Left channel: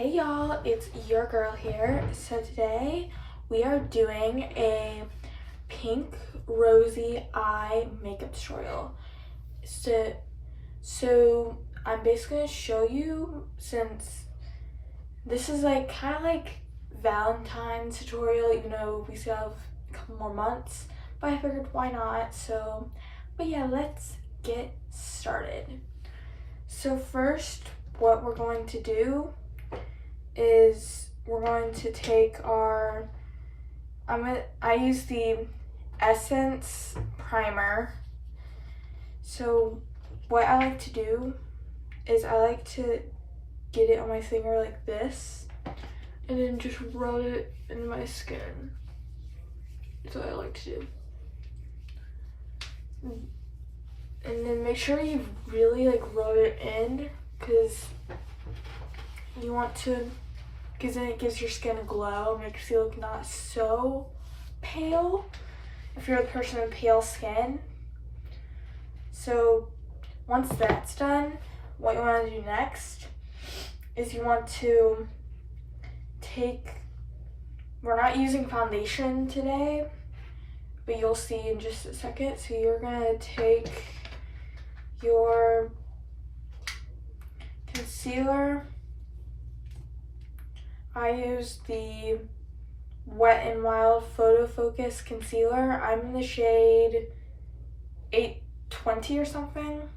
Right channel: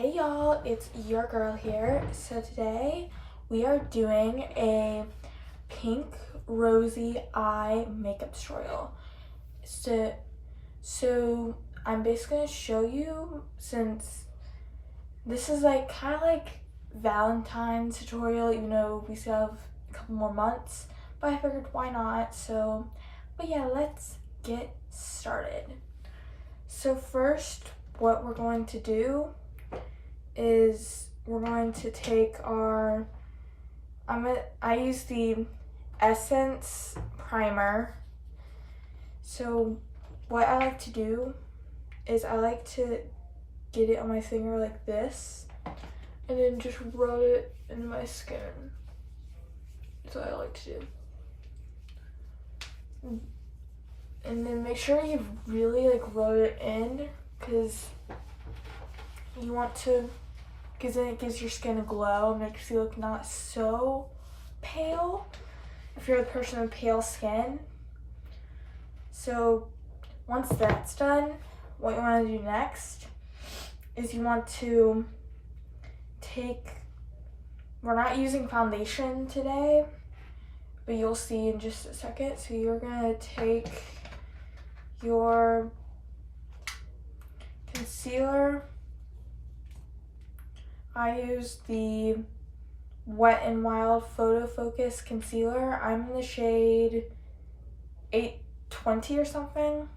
Hey y'all, it's your girl here. So today we are doing a pink rosy eye makeup tutorial. So I'm basically gonna show you, since this is kind of like Valentine tutorial, even though we still have a couple more months, but I figured why not. But yeah, let's get started. So first, what we're going to do is we're going to take our, I use the Essence primer. So what I like to do is I like to get it on my finger like this and then just rub it into my skin. That's what I like to do. And then make sure you really rub it in, because you want to, because then it gives your skin a glow, makes you look not so pale if you're a person with pale skin. So once that's done, what you want to do next is you want to we're not using foundation today, but you'll see in just a second. So you're gonna take your concealer. I use the Wet n Wild Photo Focus concealer. I'm in the shade 820 or something.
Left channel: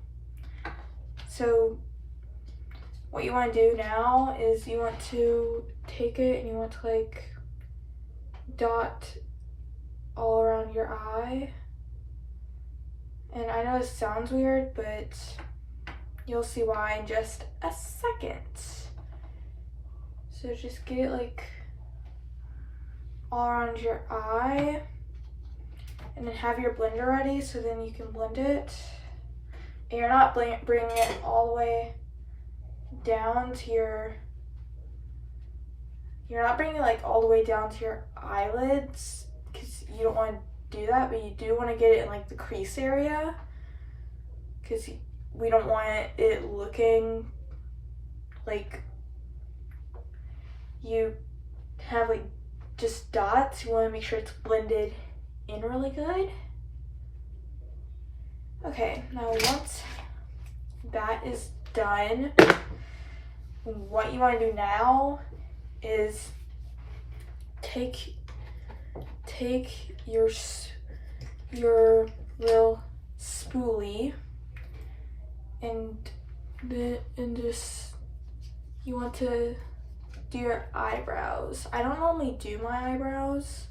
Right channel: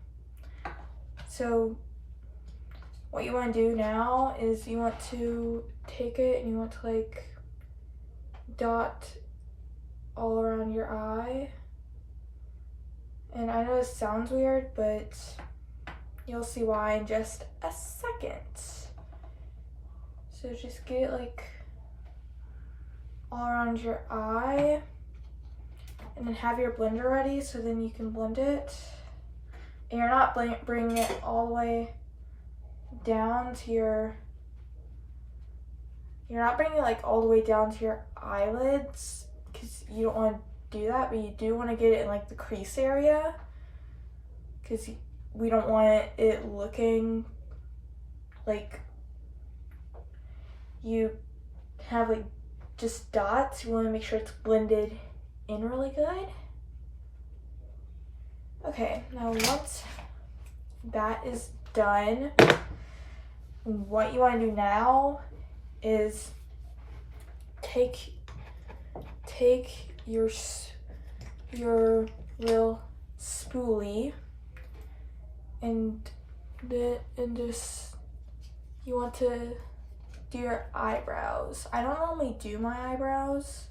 So what you want to do now is you want to take it and you want to dot all around your eye. And I know this sounds weird, but you'll see why in just a second. So just get it all around your eye, and then have your blender ready so then you can blend it. And you're not bringing it all the way down to you're not bringing it all the way down to your eyelids, because you don't want to do that, but you do want to get it in the crease area, because we don't want it looking like you have just dots. You want to make sure it's blended in really good. Okay, now once that is done, what you want to do now is take your real spoolie and just, you want to do your eyebrows. I don't normally do my eyebrows,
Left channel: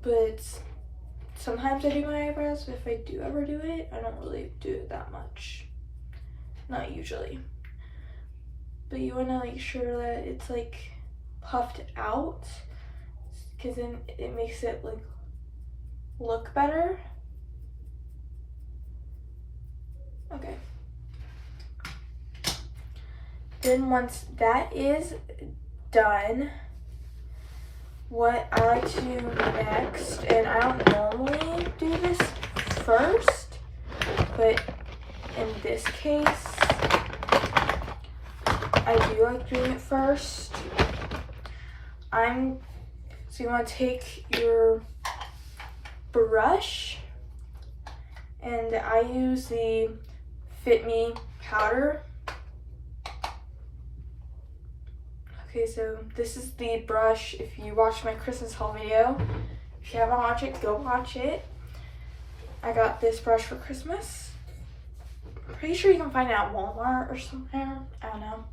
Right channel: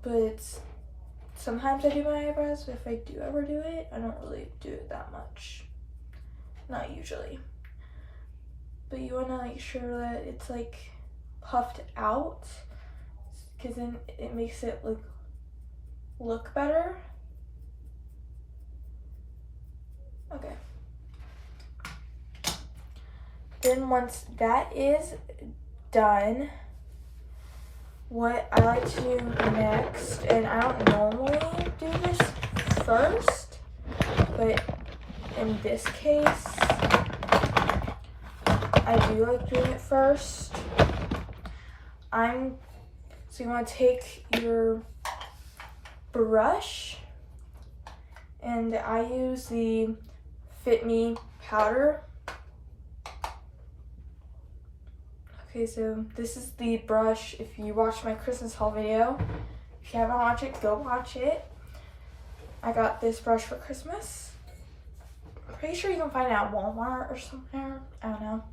but sometimes I do my eyebrows. But if I do ever do it, I don't really do it that much. Not usually. But you want to make sure that it's puffed out, because then it makes it look better. Okay. Then once that is done, what I like to do next, and I don't normally do this first, but in this case, I do like doing it first. So you want to take your brush, and I use the Fit Me powder. Okay, so this is the brush. If you watched my Christmas haul video, if you haven't watched it, go watch it. I got this brush for Christmas. I'm pretty sure you can find it at Walmart or somewhere. I don't know.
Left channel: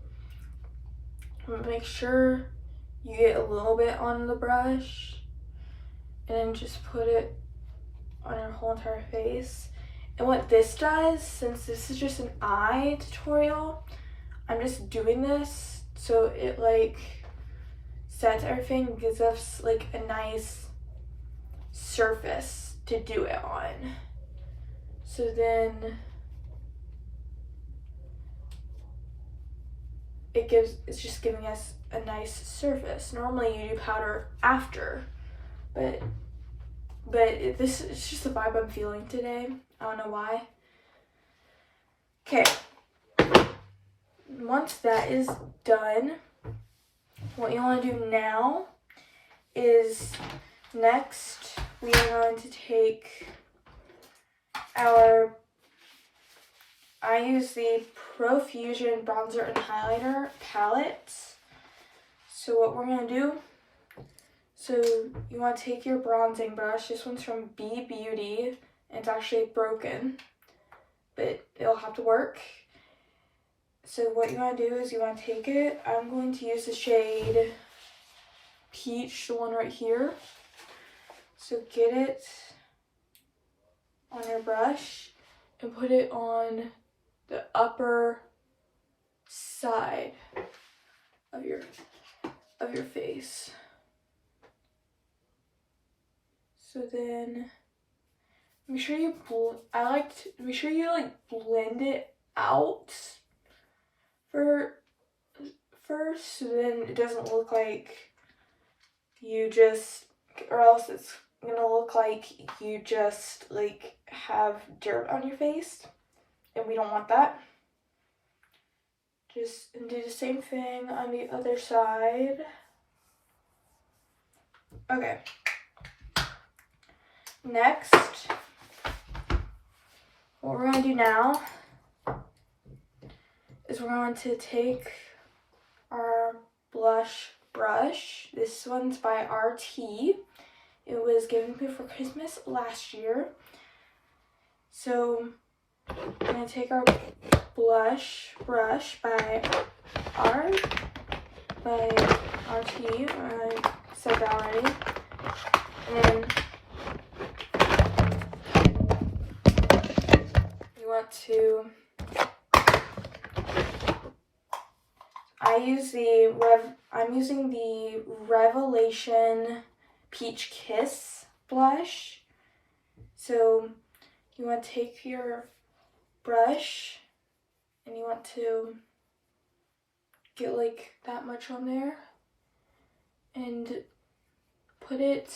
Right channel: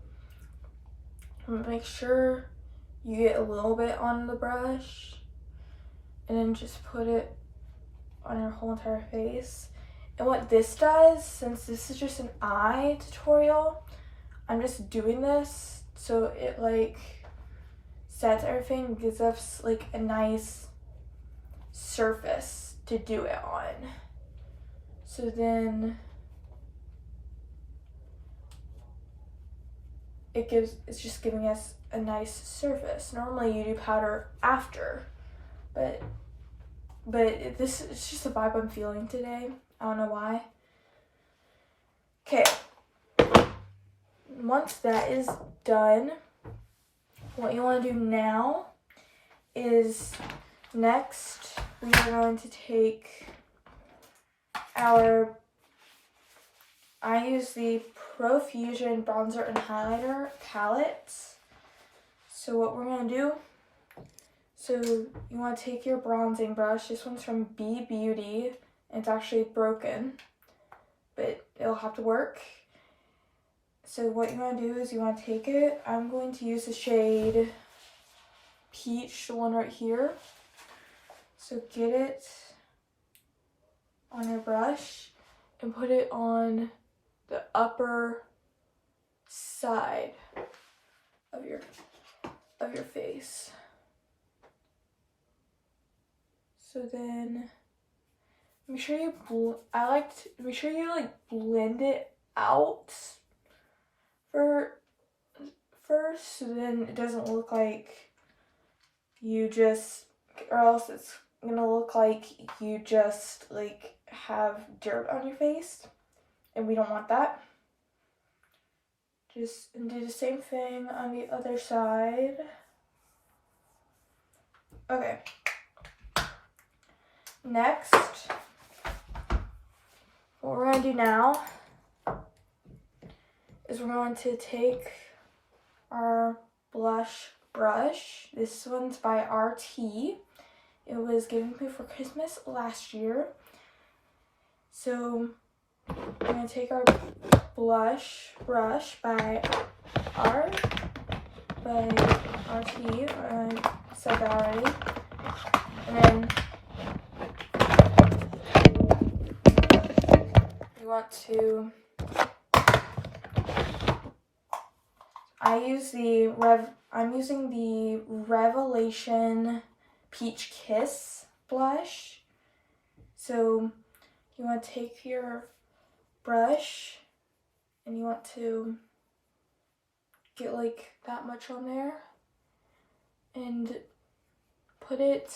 Make sure you get a little bit on the brush, and then just put it on your whole entire face. And what this does, since this is just an eye tutorial, I'm just doing this so it sets everything, gives us a nice surface to do it on. So then it's just giving us a nice surface. Normally you do powder after, but it's just the vibe I'm feeling today. I don't know why. Okay, once that is done, what you want to do now is next we are going to take I use the Profusion Bronzer and Highlighter palette. So what we're going to do, so you want to take your bronzing brush. This one's from B Beauty. And it's actually broken, but it'll have to work. So what you want to do is you want to take it. I'm going to use the shade Peach, the one right here. So get it on your brush and put it on the upper side of your face. So then make sure you make sure you like blend it out first, so then it doesn't look like you just, or else it's gonna look like you just like have dirt on your face, and we don't want that. Just do the same thing on the other side. Okay. Next, what we're going to do now is we're going to take our blush brush. This one's by RT. It was given to me for Christmas last year. So we're going to take our blush brush by RT. I said that already. And then we want to, I'm using the Revelation Peach Kiss blush. So you want to take your brush and you want to get like that much on there and put it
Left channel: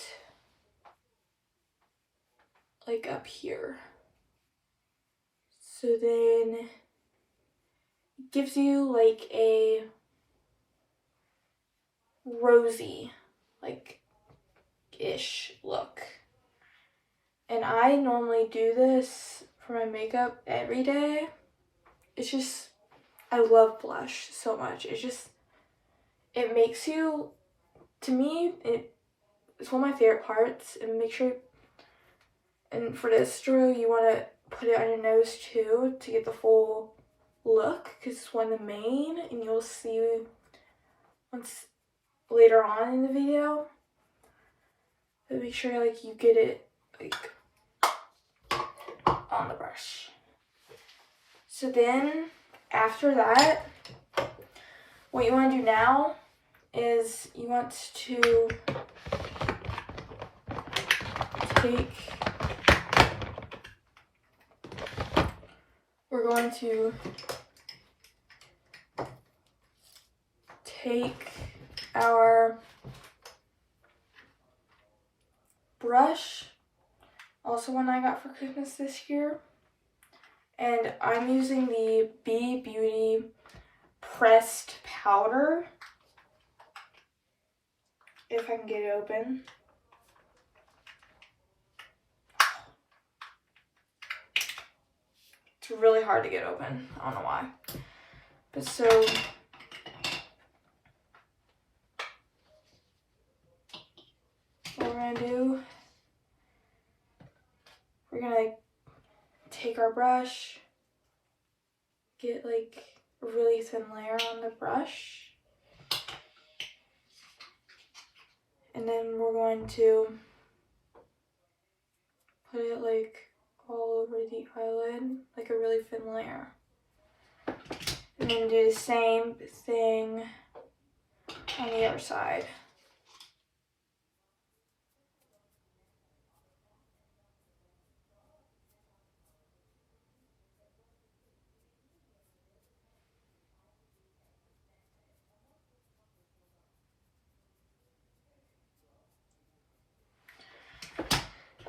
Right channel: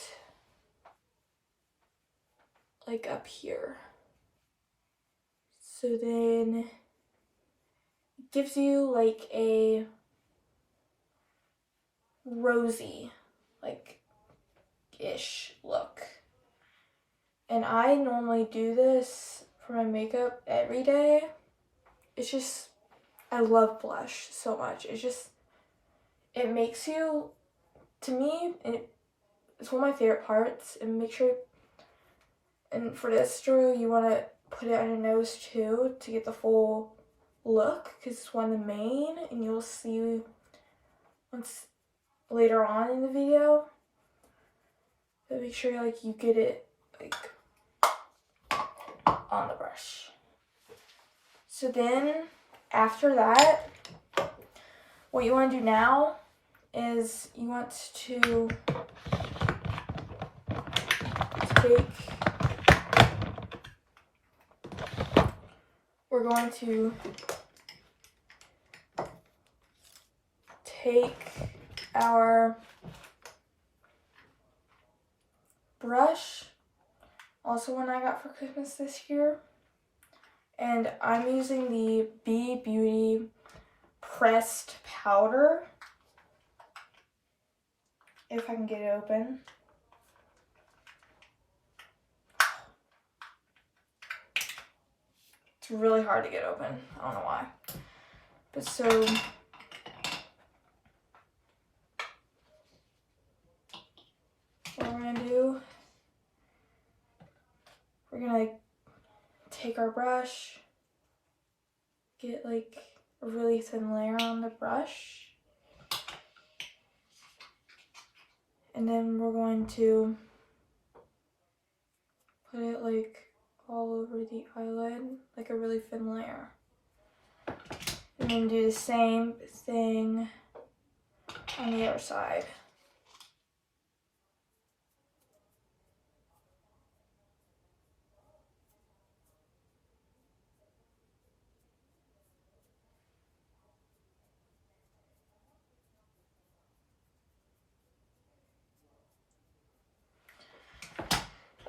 like up here. So then it gives you like a rosy, like ish look. And I normally do this for my makeup every day. It's just, I love blush so much. It makes you, to me, it's one of my favorite parts. And make sure, and for this tutorial, you want to put it on your nose too to get the full look, because it's one of the main, and you'll see once later on in the video. But make sure like you get it like on the brush. So then after that, what you want to do now is you want to take, we're going to take our brush, also one I got for Christmas this year, and I'm using the B Beauty pressed powder, if I can get it open. It's really hard to get open, I don't know why. But so what we're gonna do, we're gonna like take our brush, get like a really thin layer on the brush, and then we're going to put it like all over the eyelid, like a really thin layer. And then do the same thing on the other side.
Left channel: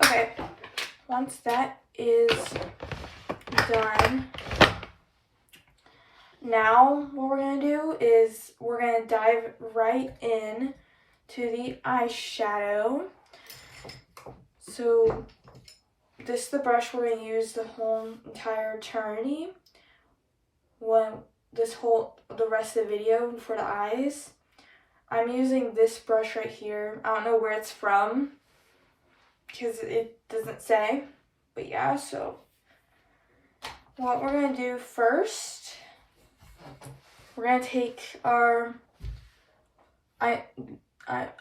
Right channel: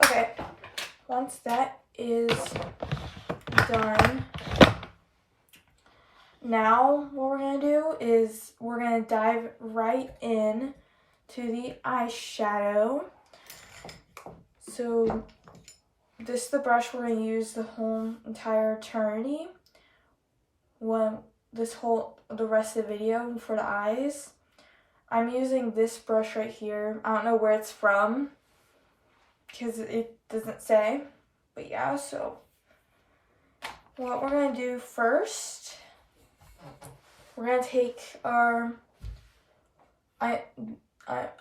Okay, once that is done, Now what we're gonna do is we're gonna dive right in to the eyeshadow. So this is the brush we're gonna use the whole entire eternity. The rest of the video for the eyes. I'm using this brush right here. I don't know where it's from because it doesn't say, but yeah, so what we're gonna do first, we're gonna take our, I'm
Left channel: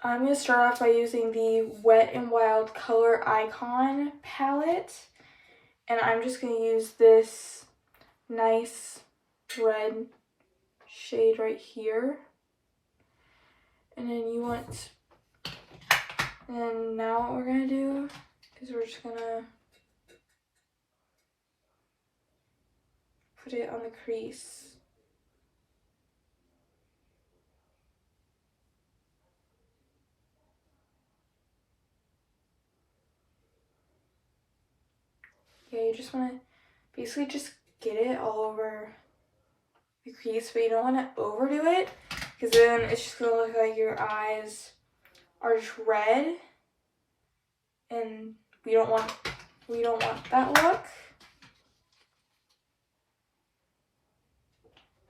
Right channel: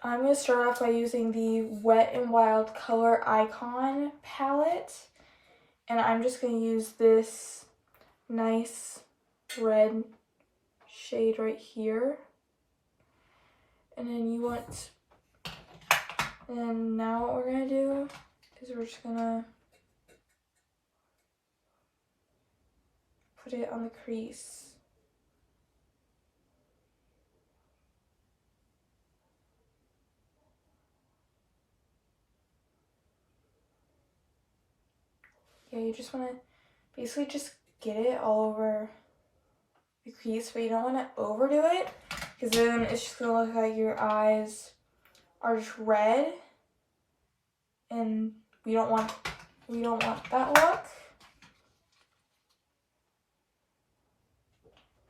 gonna start off by using the Wet n Wild Color Icon palette, and I'm just gonna use this nice red shade right here. And then now what we're gonna do is we're just gonna put it on the crease. Yeah, you just wanna basically just get it all over the crease, but you don't wanna overdo it because then it's just gonna look like your eyes are just red, and we don't want that look.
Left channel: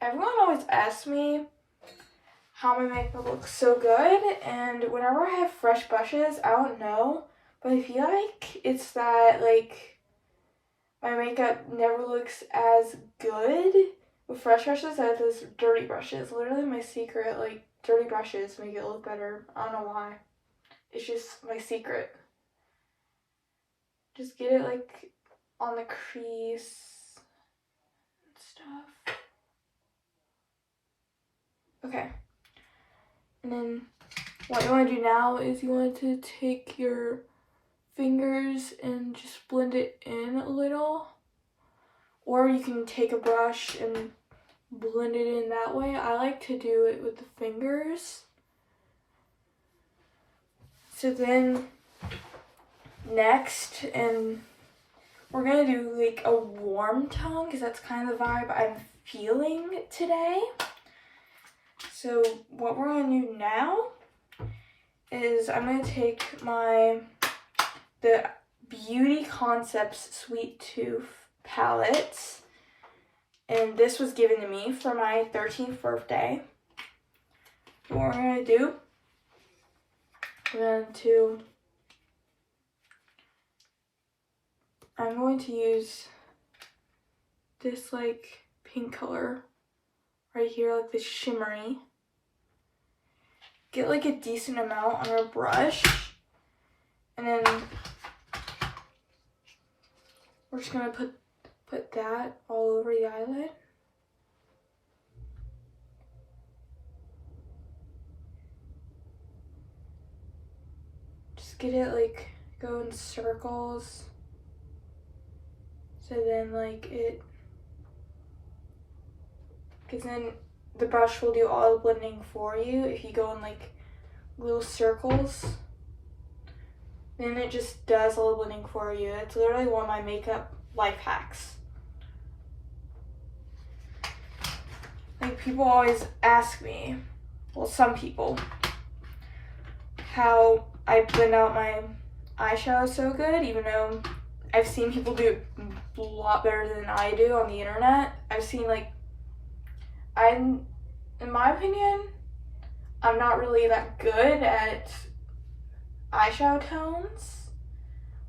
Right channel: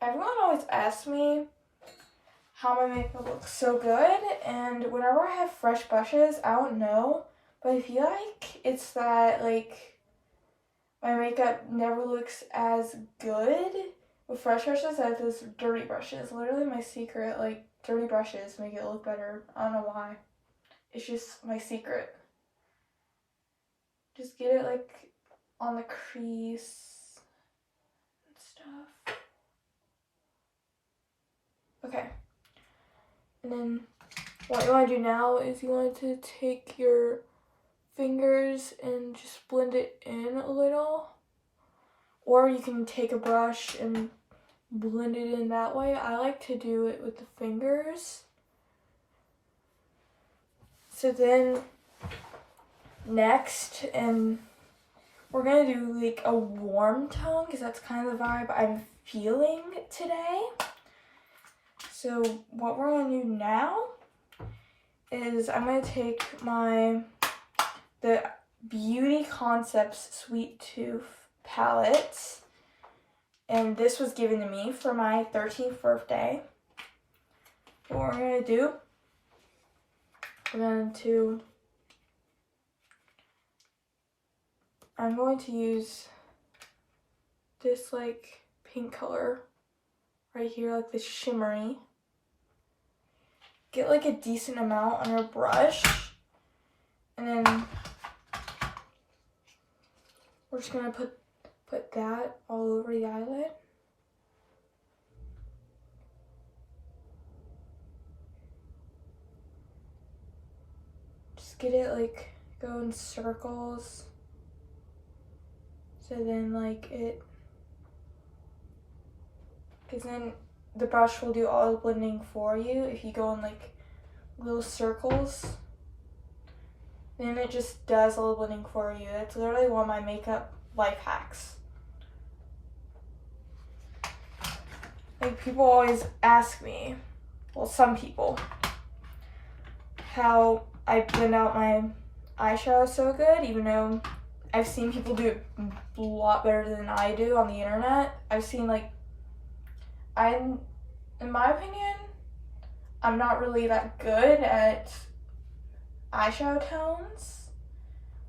Everyone always asks me how my makeup looks so good, and whenever I have fresh brushes, I don't know, but I feel like it's that like my makeup never looks as good with fresh brushes as those dirty brushes. Literally my secret, like, dirty brushes make it look better. I don't know why. It's just my secret. Just get it like on the crease and stuff. Okay. And then what you want to do now is you want to take your fingers and just blend it in a little. Or you can take a brush and blend it in that way. I like to do it with the fingers. So then next, and we're gonna do like a warm tone because that's kind of the vibe I'm feeling today. So what we're gonna do now is I'm gonna take the Beauty Concepts Sweet Tooth palette, and this was given to me for my 13th birthday. What we're gonna do, I'm going to use this like pink color right here, like this shimmery. Get like a decent amount on your brush, and then we're just gonna put that all over the eyelid. Just get it like go in circles. So then like because then the brush will do all the blending for you. If you go in like little circles, then it just does all the blending for you. It's literally one of my makeup life hacks. Like people always ask me, well, some people, how I blend out my eyeshadow so good, even though I've seen people do it a lot better than I do on the internet. I've seen like, in my opinion, I'm not really that good at eyeshadow tones.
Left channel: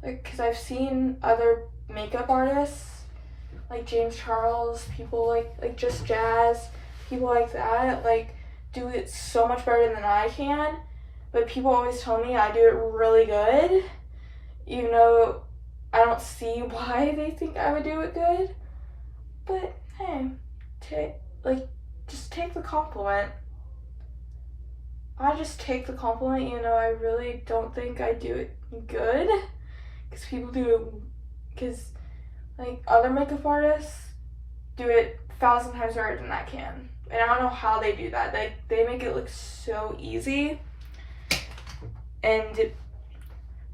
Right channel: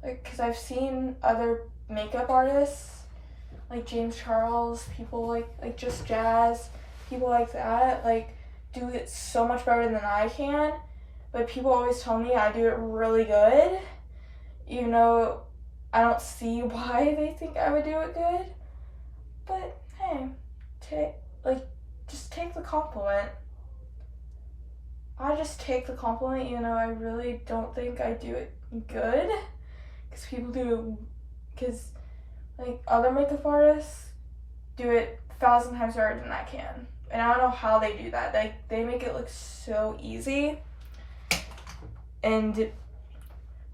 Like, cause I've seen other makeup artists, like James Charles, people like Just Jazz, people like that, like do it so much better than I can. But people always tell me I do it really good, even though I don't see why they think I would do it good. But hey, just take the compliment. I just take the compliment, you know, I really don't think I do it good. Because people do it, because like other makeup artists do it 1,000 times better than I can. And I don't know how they do that. Like, they make it look so easy. And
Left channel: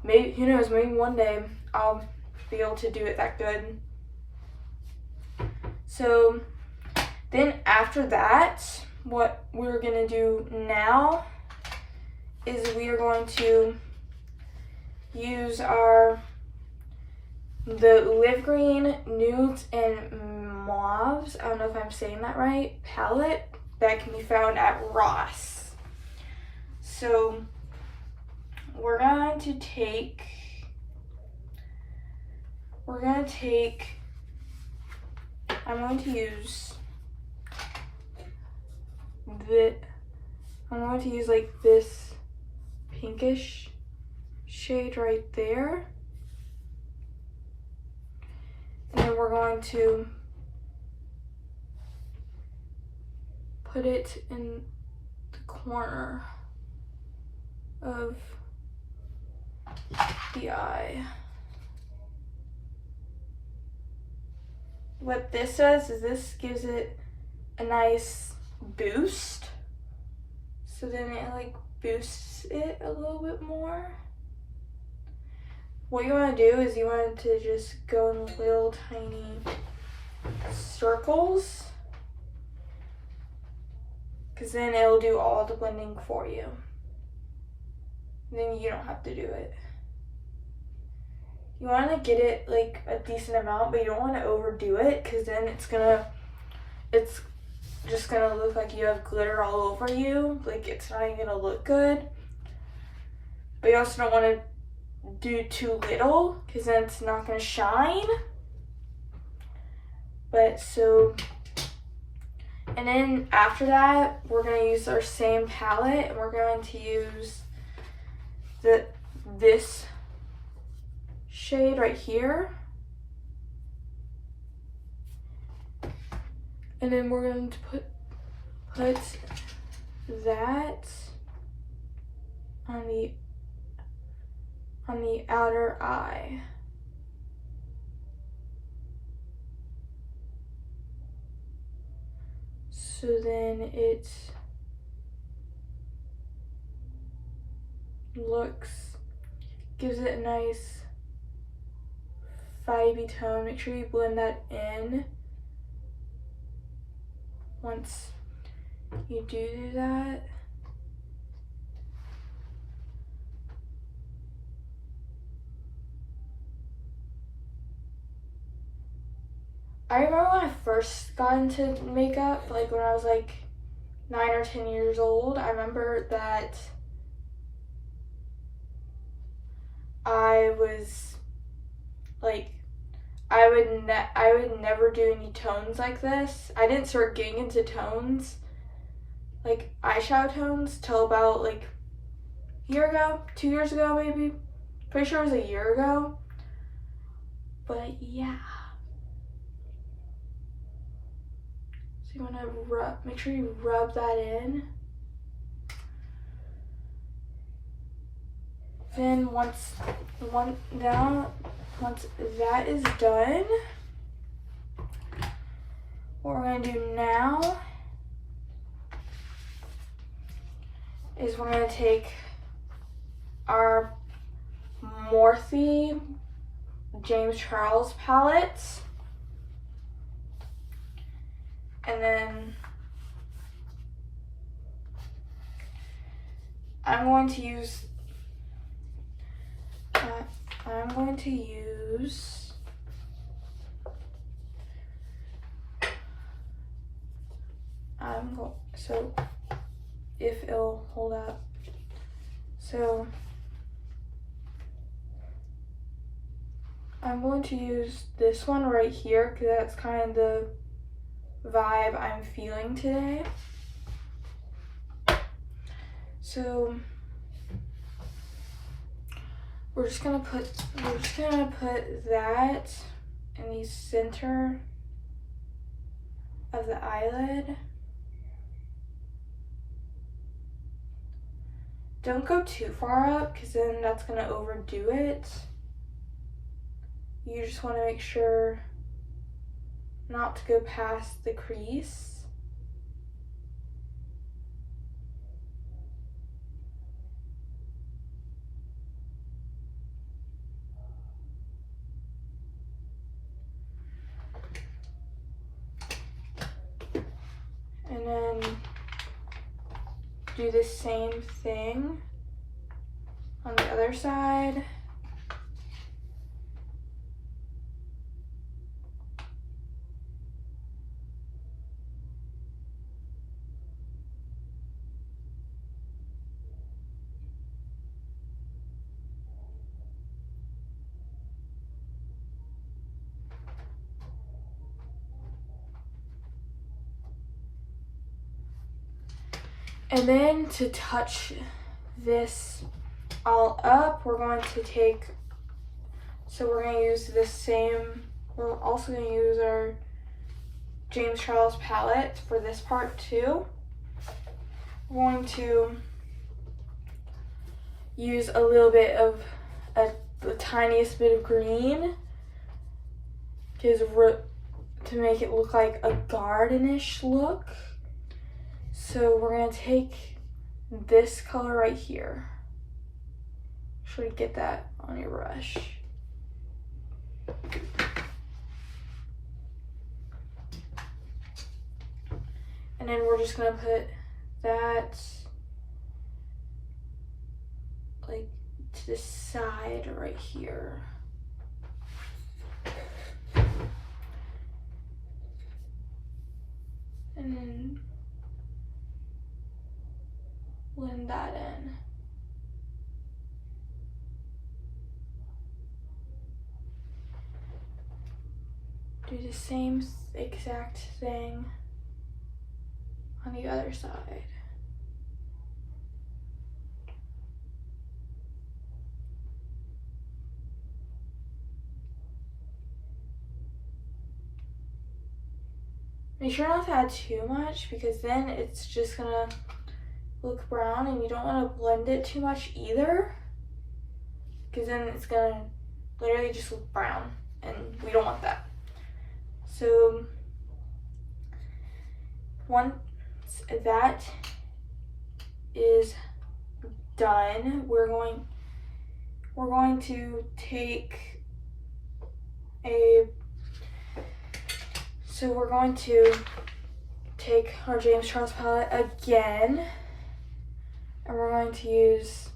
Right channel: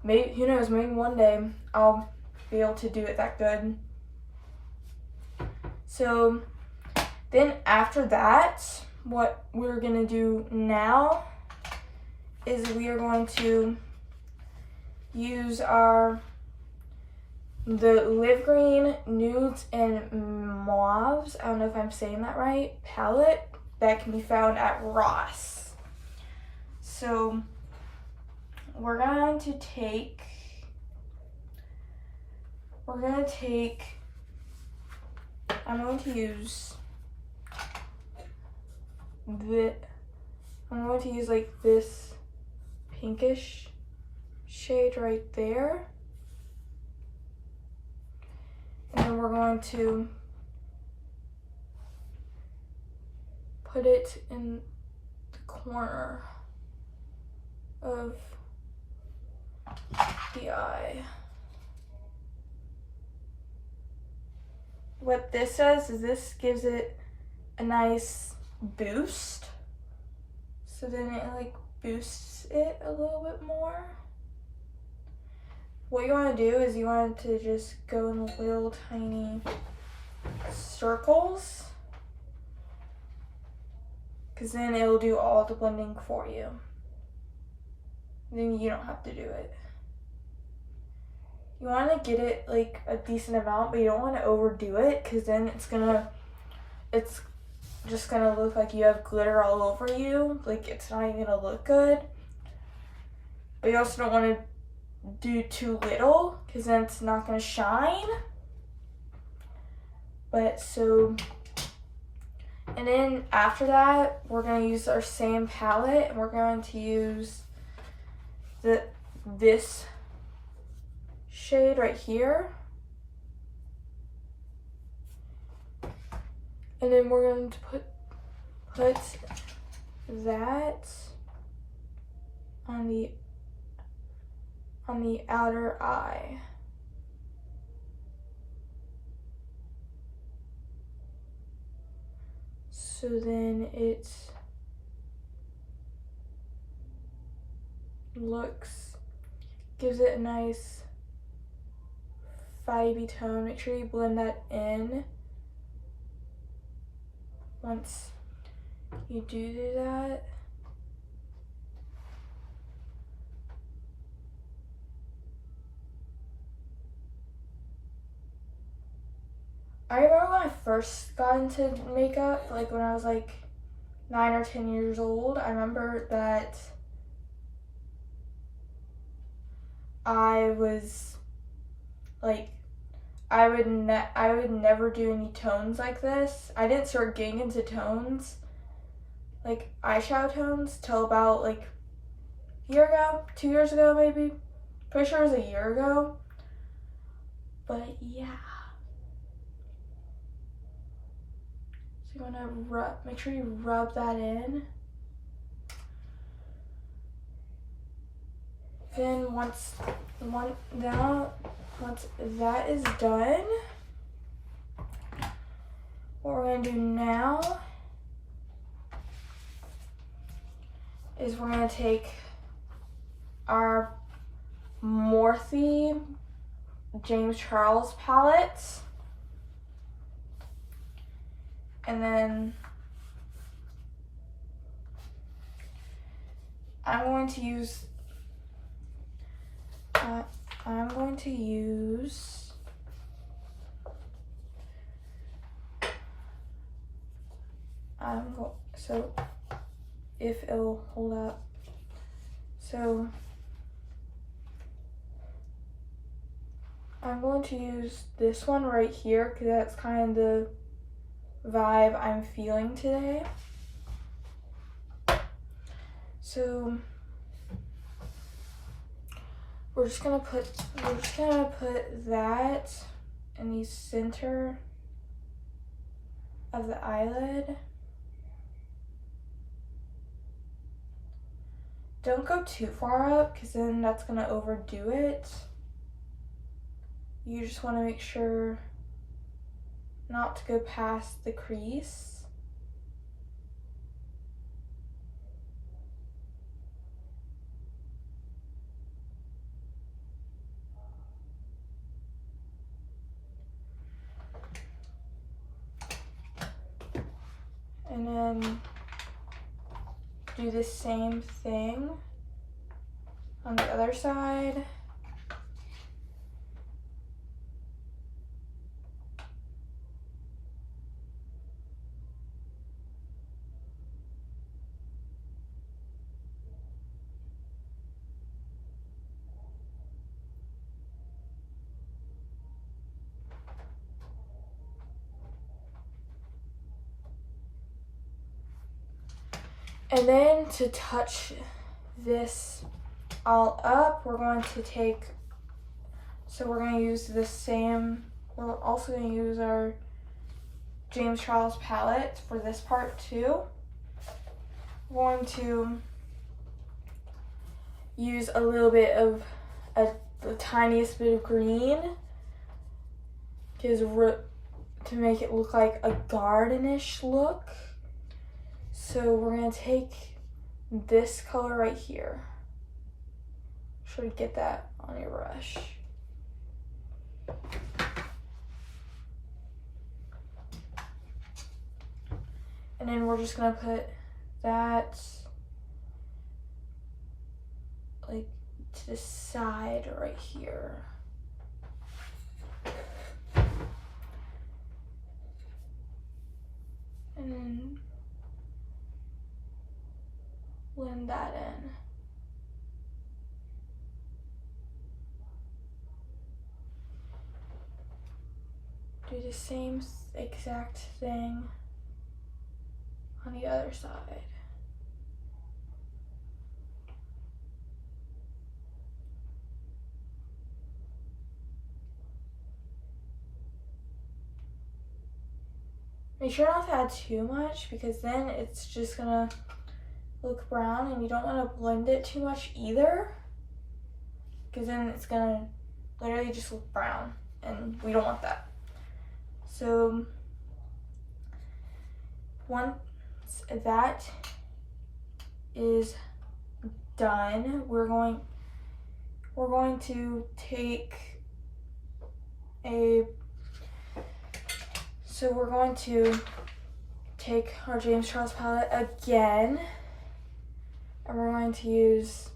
maybe, who knows, maybe one day I'll be able to do it that good. So Then after that, what we're gonna do now is we are going to use the Live Green Nudes and Mauves, I don't know if I'm saying that right, palette that can be found at Ross. So we're going to take, I'm going to use like this pinkish shade right there. And then we're going to put it in the corner of the eye. What this does is this gives it a nice boost. So then it like boosts it a little bit more. What you want to do is you want to just go in little tiny circles, because then it'll do all the blending for you. Then you don't have to do it. You want to get it like a decent amount, but you don't want to overdo it, because then it's just gonna look like you have glitter all over you. Like, it's not even gonna look good. But you also don't want to do too little, because then it's not gonna shine. But so, and then after that, we're gonna use our same palette, and we're going to use this shade right here. And then we're going to put that on the outer eye. So then it gives it a nice vibey tone. Make sure you blend that in. Once you do that, I remember when I first got into makeup, like when I was like 9 or 10 years old, I remember that I was like, I would never do any tones like this. I didn't start getting into tones, like eyeshadow tones, till about like a year ago, 2 years ago maybe. Pretty sure it was a year ago. But yeah. So you want to make sure you rub that in. Then once that is done, what we're gonna do now is we're gonna take our Morphe James Charles palette, and then I'm going to use so if it'll hold up. So I'm going to use this one right here, because that's kind of the vibe I'm feeling today. So we're just gonna put that in the center of the eyelid. Don't go too far up, because then that's gonna overdo it. You just want to make sure not to go past the crease. And then do the same thing on the other side. And then to touch this all up, we're going to take, so we're going to use the same, we're also going to use our James Charles palette for this part too. We're going to use a little bit of the tiniest bit of green to make it look like a gardenish look. So we're going to take this color right here. Should get that on your brush. And then we're just going to put that like to the side right here. And then blend that in. Do the same exact thing on the other side. Make sure not to add too much because then it's just gonna look brown, and you don't want to blend it too much either because then it's gonna literally just look brown, and we don't want that. So once that is done, we're going to take our James Charles palette again, and we're going to use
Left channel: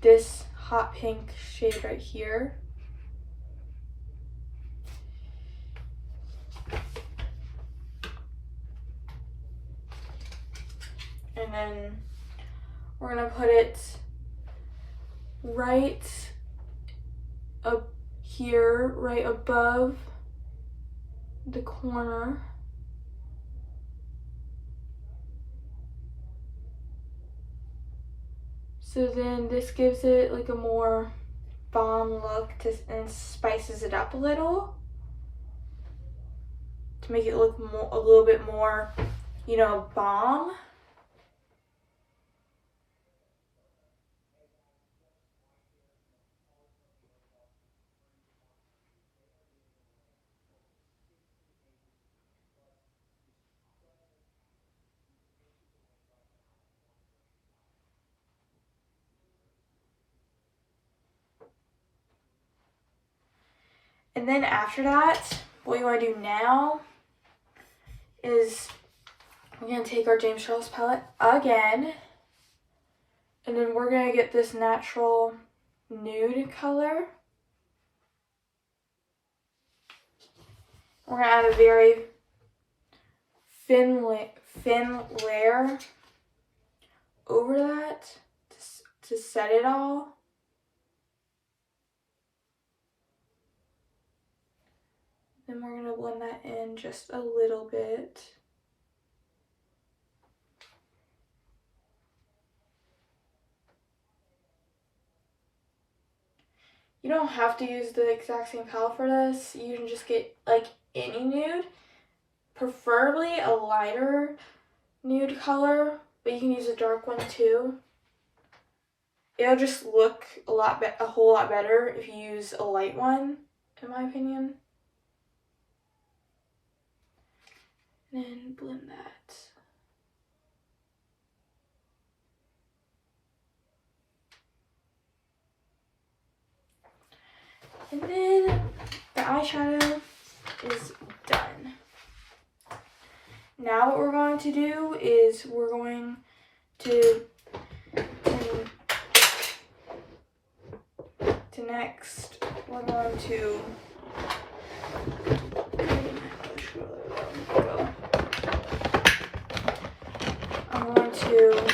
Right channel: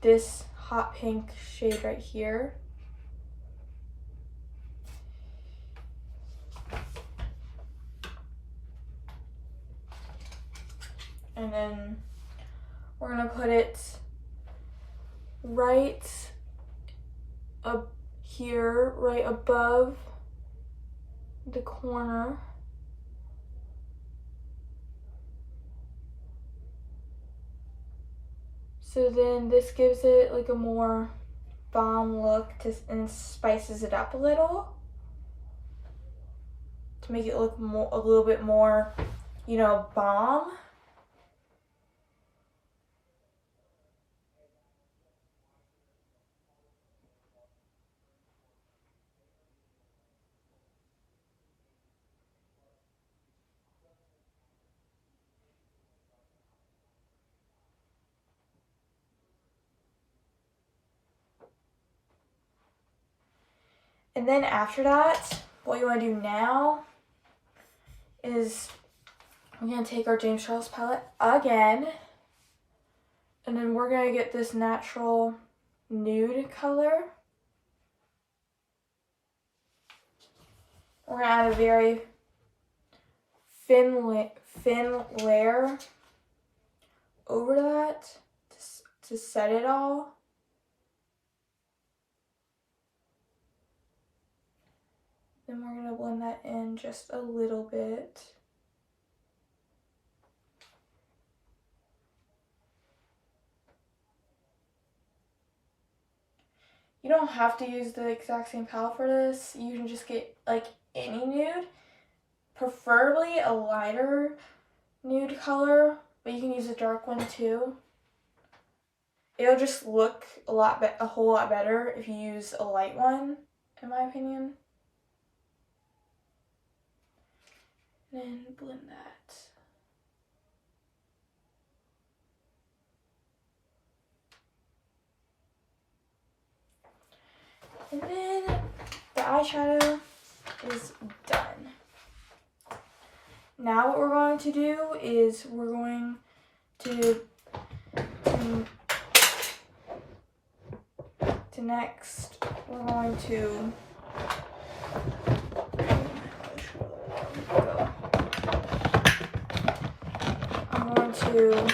this hot pink shade right here. And then we're gonna put it right up here, right above the corner. So then this gives it like a more balm look and spices it up a little to make it look a little bit more, you know, balm. And then after that, what you want to do now is we're going to take our James Charles palette again, and then we're going to get this natural nude color. We're going to add a very thin layer over that to set it all. Then we're going to blend that in just a little bit. You don't have to use the exact same palette for this. You can just get like any nude, preferably a lighter nude color, but you can use a dark one too. It'll just look a whole lot better if you use a light one, in my opinion. And then blend that. And then the eyeshadow is done. Now what we're going to do is we're going to next, we're going to I'm going to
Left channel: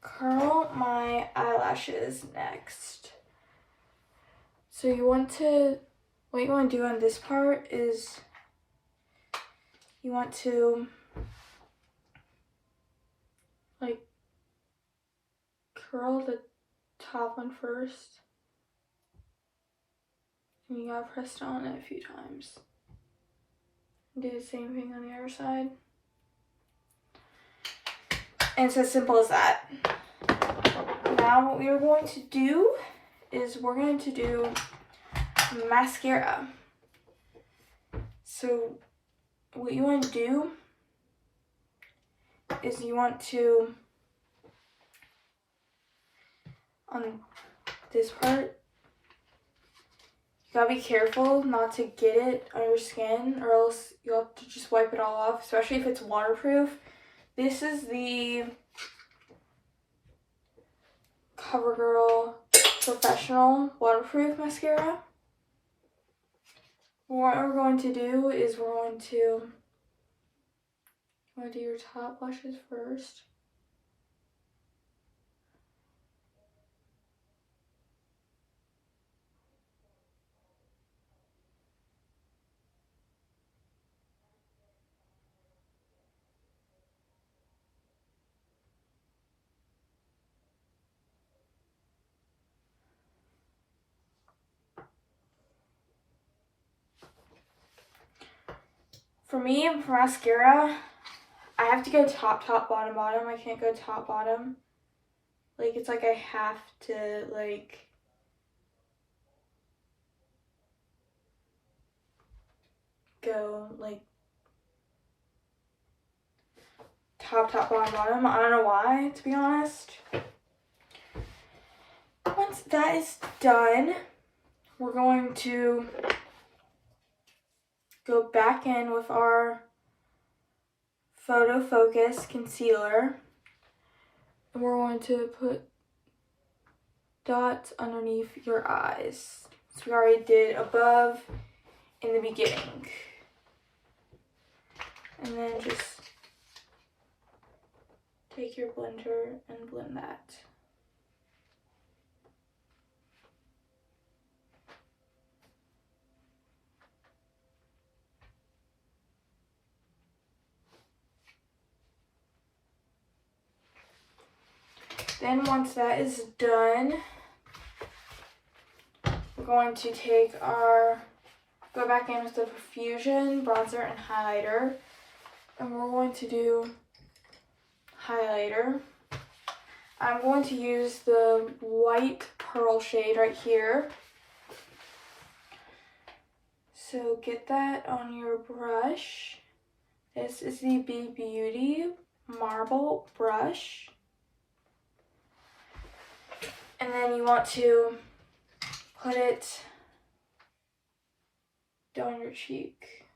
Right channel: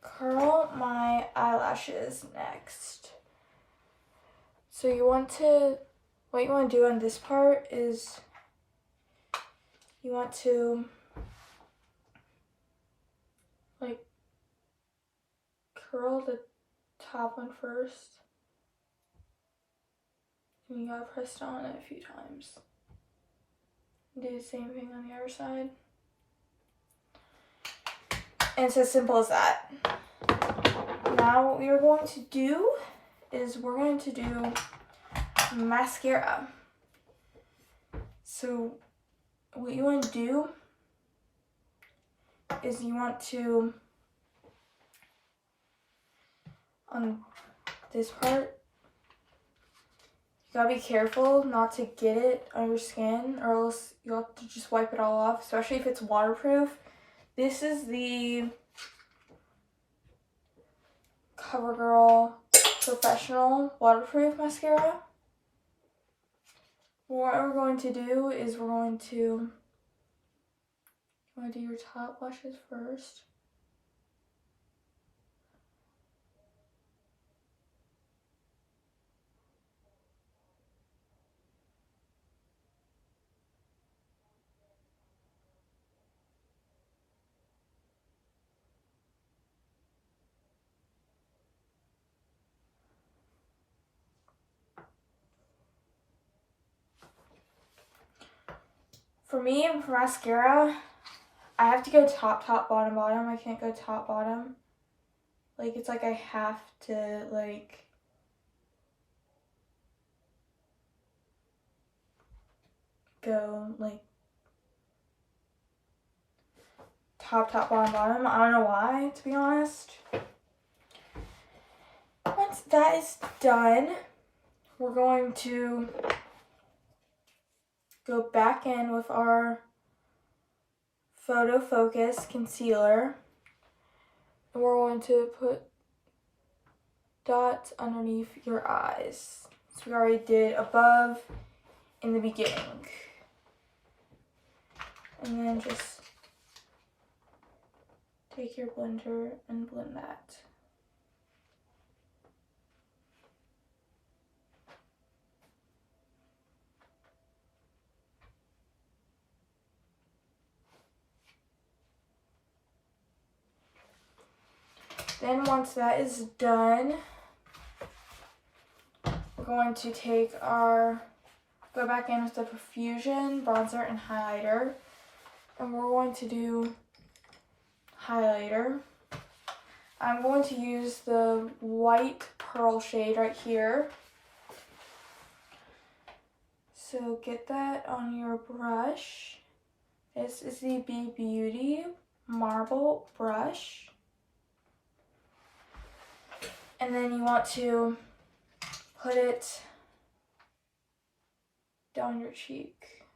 curl my eyelashes next. So what you want to do on this part is you want to like curl the top one first, and you gotta press down it a few times. Do the same thing on the other side. And it's as simple as that. Now what we are going to do is we're going to do mascara. So what you want to do is you want to, on this part, you gotta be careful not to get it on your skin, or else you'll have to just wipe it all off, especially if it's waterproof. This is the CoverGirl Professional Waterproof Mascara. What we're going to do is we're going to do your top lashes first. For me, for mascara, I have to go top, bottom, bottom. I can't go top, bottom. Like, it's like I have to, like, go, like, top, bottom, bottom. I don't know why, to be honest. Once that is done, we're going to go back in with our Photo Focus concealer, and we're going to put dots underneath your eyes. So we already did above in the beginning. And then just take your blender and blend that. Then once that is done, we're going to go back in with the Profusion bronzer and highlighter, and we're going to do highlighter. I'm going to use the white pearl shade right here. So get that on your brush. This is the B Beauty marble brush. And then you want to put it down your cheek.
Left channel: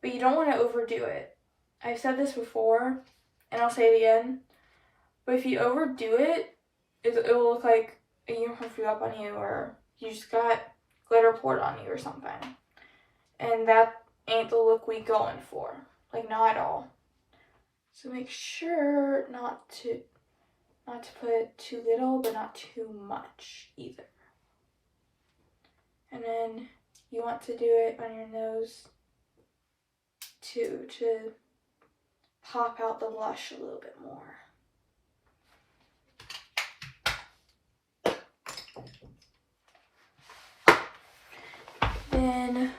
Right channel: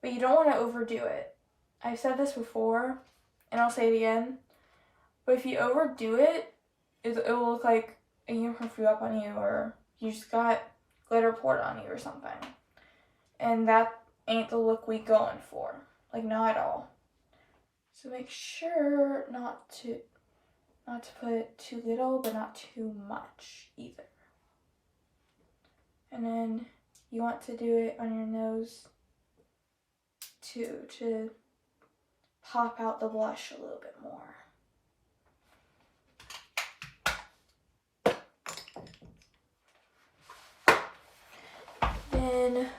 But you don't want to overdo it. I've said this before, and I'll say it again. But if you overdo it, it will look like a unicorn flew up on you, or you just got glitter poured on you or something. And that ain't the look we going for. Like, not at all. So make sure not to put too little, but not too much either. And then you want to do it on your nose too, to pop out the blush a little bit more. Then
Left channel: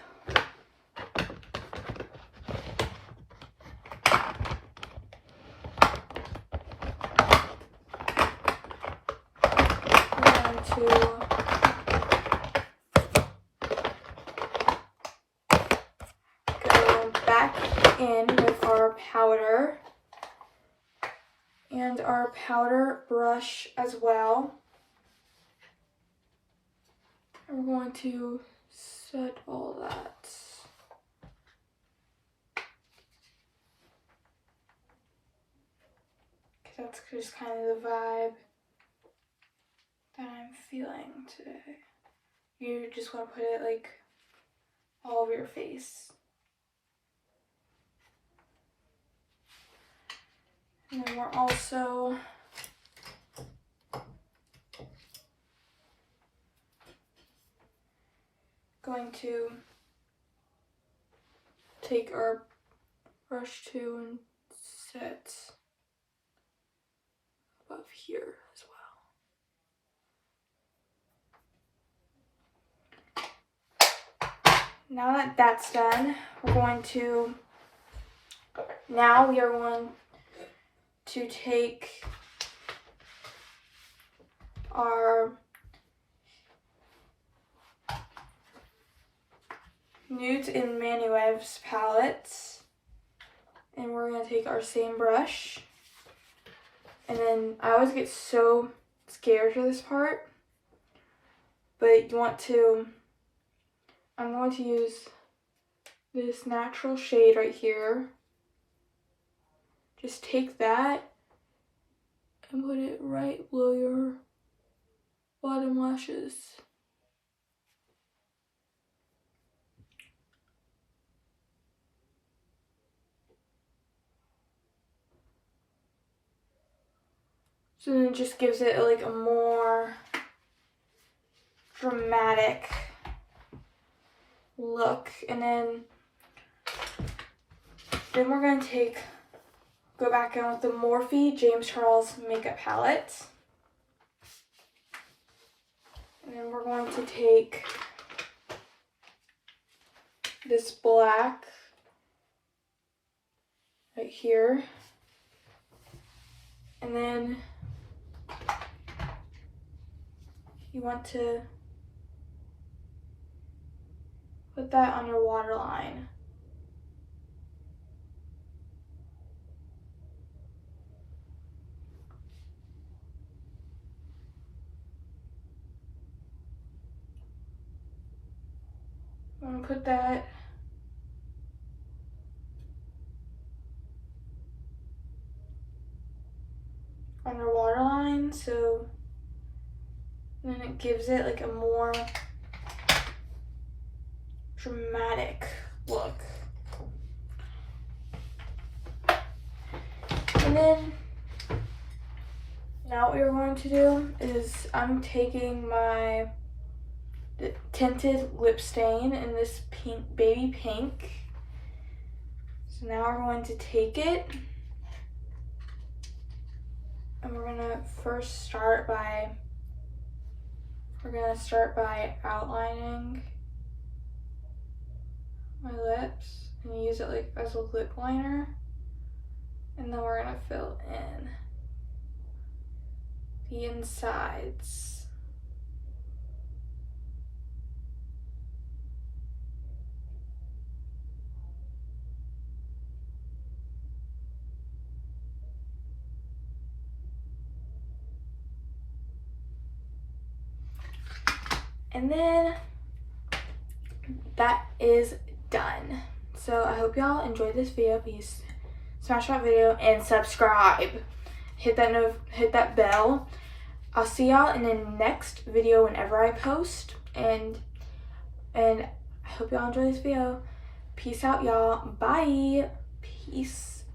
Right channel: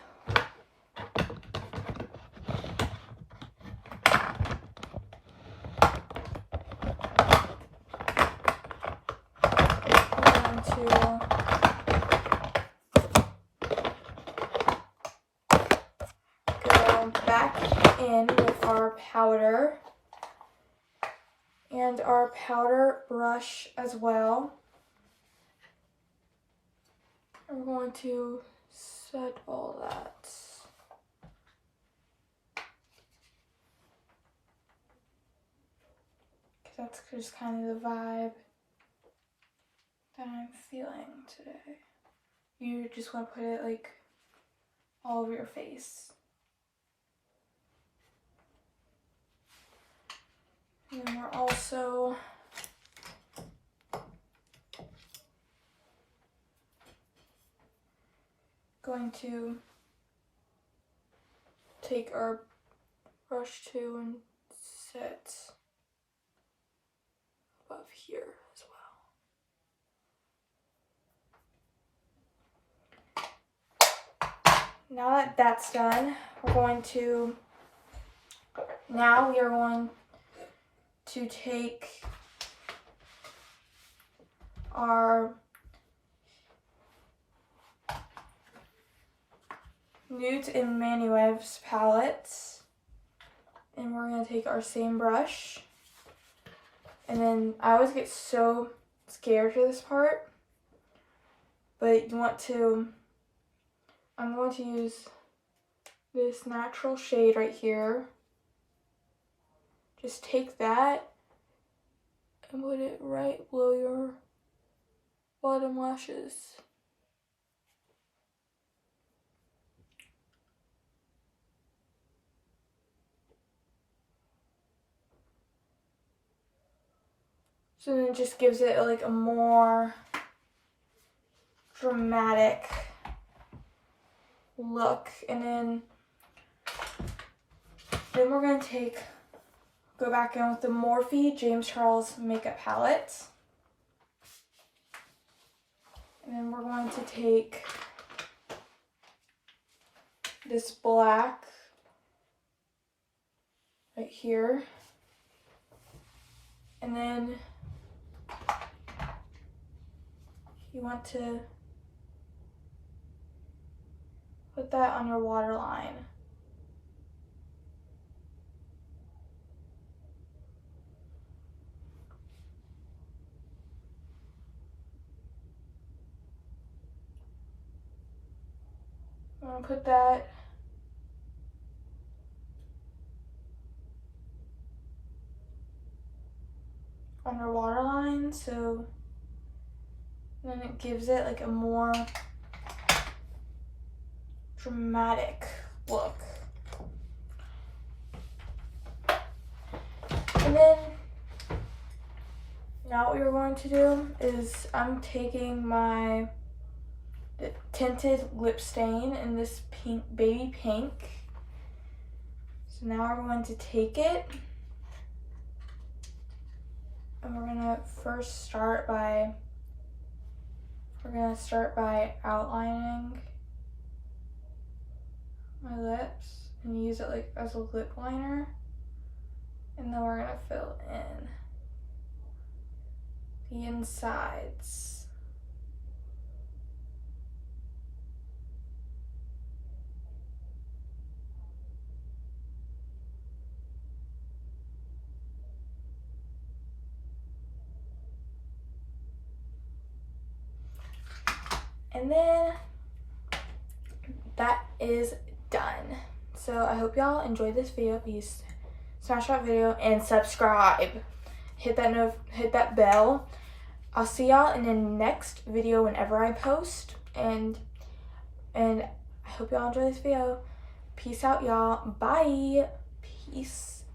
powder and our powder brush as well. And we're going to set all that. That's just kind of the vibe that I'm feeling today. You just want to put it like all over your face. And then we're also going to take our brush too and set above here as well. Now that that's done, we are going to take our Nudes in Manuev's palettes, and we're going to take our same brush. And then I always get so scared for this part, but I'm going to use this natural shade right here. Just take that and put it right below your bottom lashes. So then it just gives it like a more dramatic look. And then we're going to go back in with the Morphe James Charles makeup palette. And then we're going to take this black right here. And then you want to put that on your waterline. I'm going to put that on your waterline, so then it gives it like a more dramatic look. And then now what you're going to do is I'm taking my tinted lip stain in this pink, baby pink. So now we're going to take it and we're gonna start by outlining my lips and use it like as a lip liner, and then we're gonna fill in the insides. And then that is done. So I hope y'all enjoyed this video. Please smash that video and subscribe. Hit that bell. I'll see y'all in the next video whenever I post. And I hope y'all enjoy this video. Peace out, y'all. Bye. Peace.